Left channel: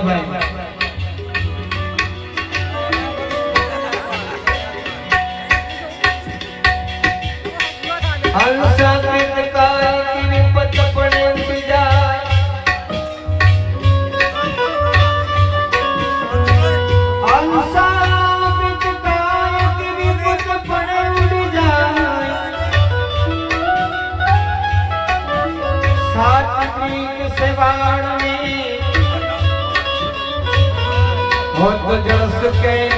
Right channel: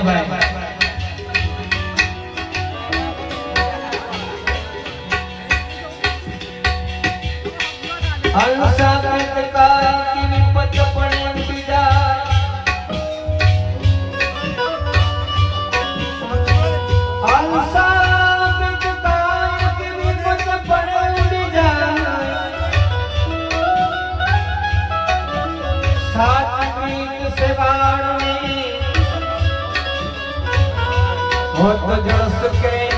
ભોલાભાઈ હંસામિત કાય કી વિપત પડે બીજા હંસામિત કાય કી વિપત પડે બીજા સાત્વિક સેવાળની बहुत जल सके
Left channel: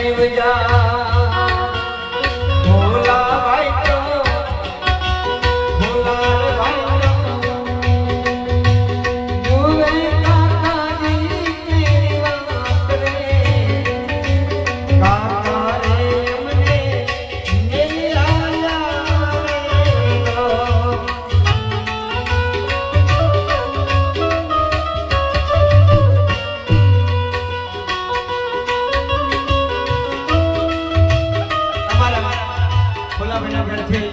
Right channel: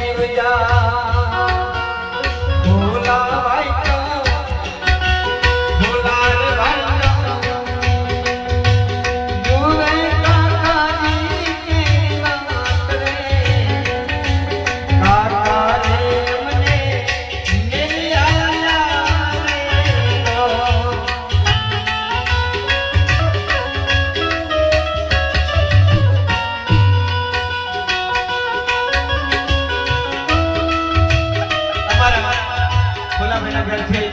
I gotta tell.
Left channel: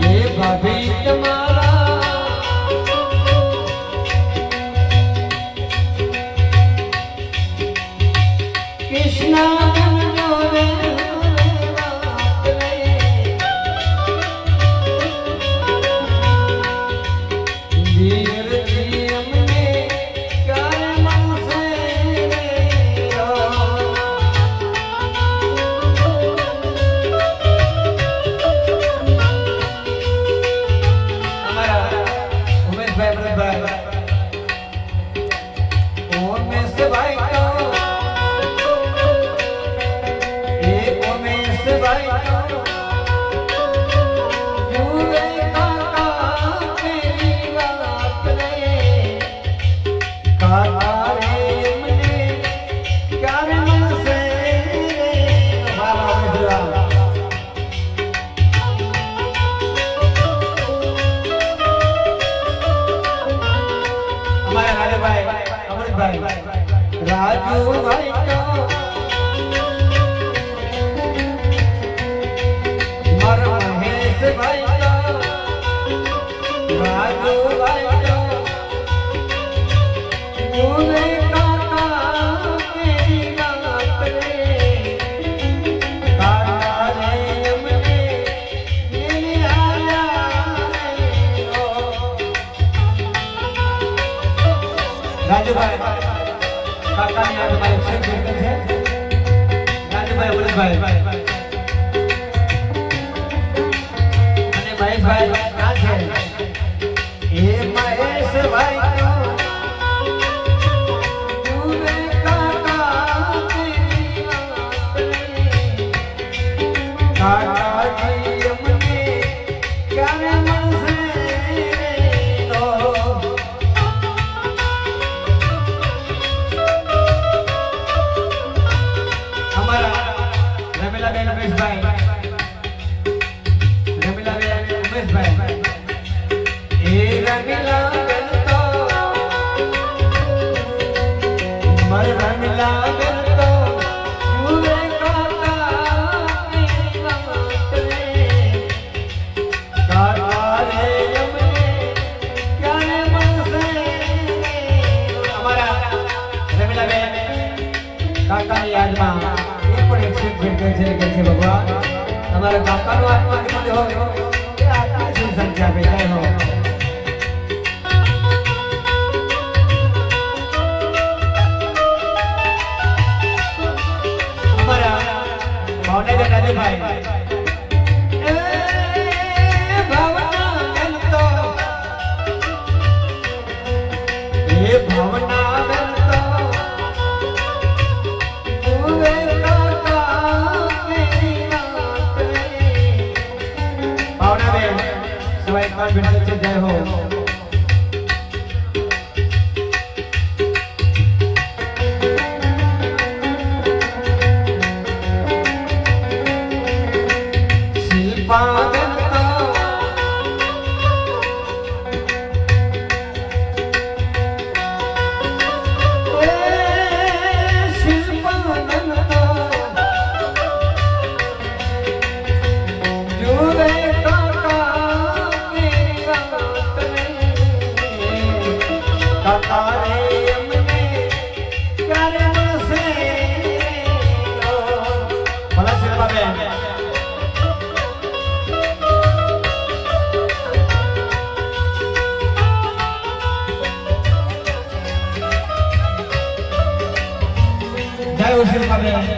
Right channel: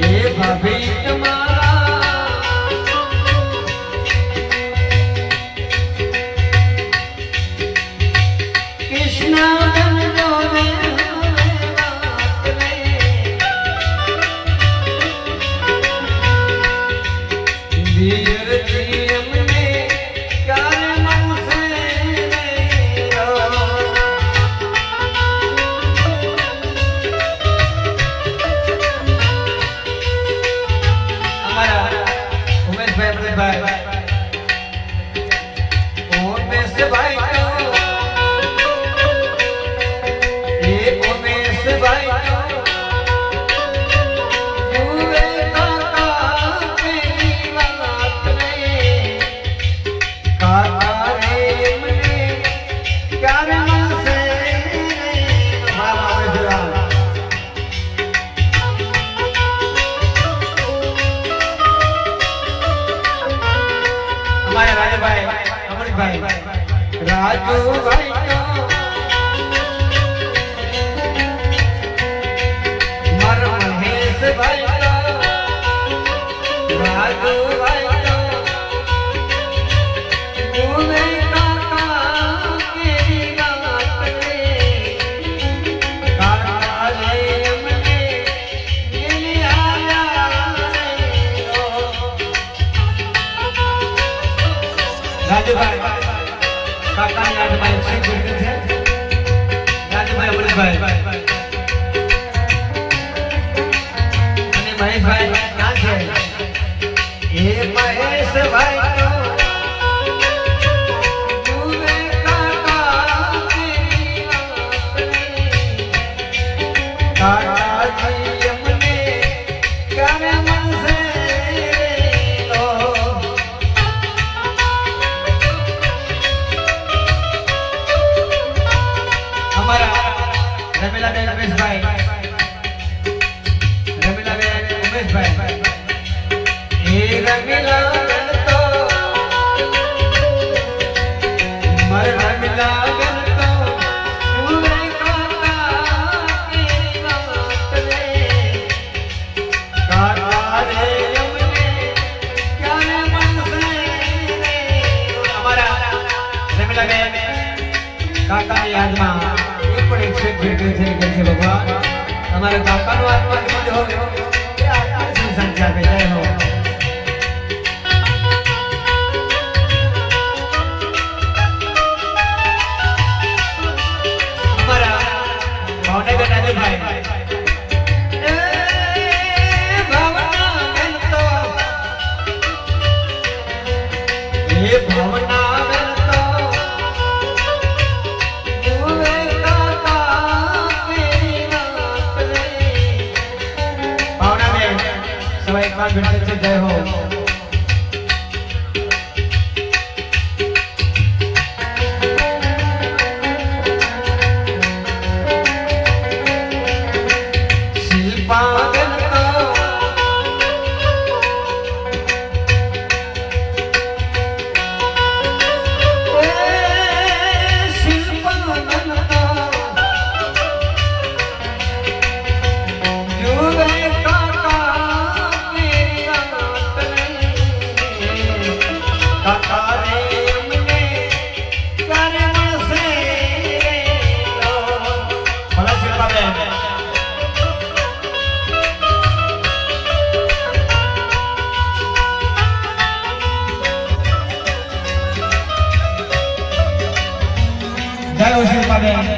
એ ભાભી તમારા રાજુભાઈ રાજુભાઈ મર મહેશભાઈ રાજુભાઈ છે કે છે ભગવાન? તમારા બાપાનો গেছে জয় হোক পাবেন